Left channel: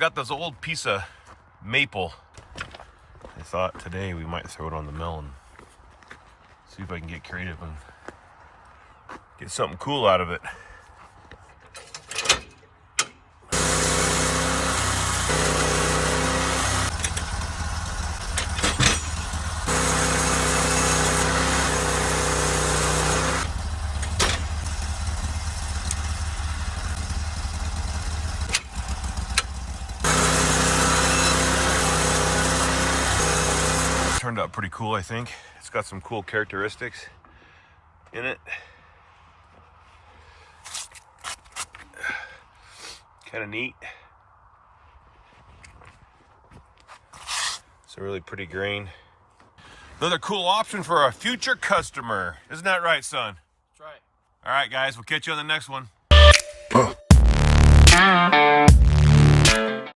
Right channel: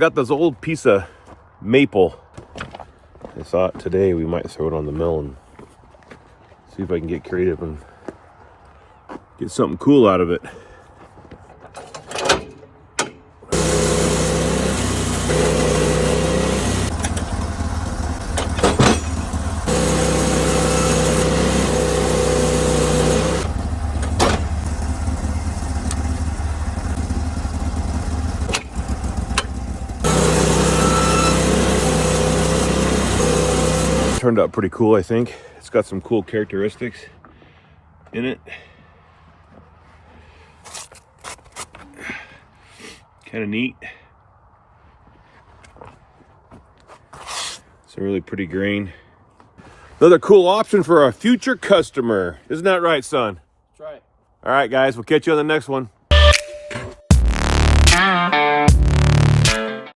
Got this old piece of maple. I thought today we might throw it on the mill and see if I can get creative and get something cool out of it. Turned out pretty cool, I think. It's got some cool characteristics in it. Kind of neat. It's a really pretty grain. Another cool option for a future customer. Isn't that right, son? That's right. All right, guys, we'll catch you on the next one.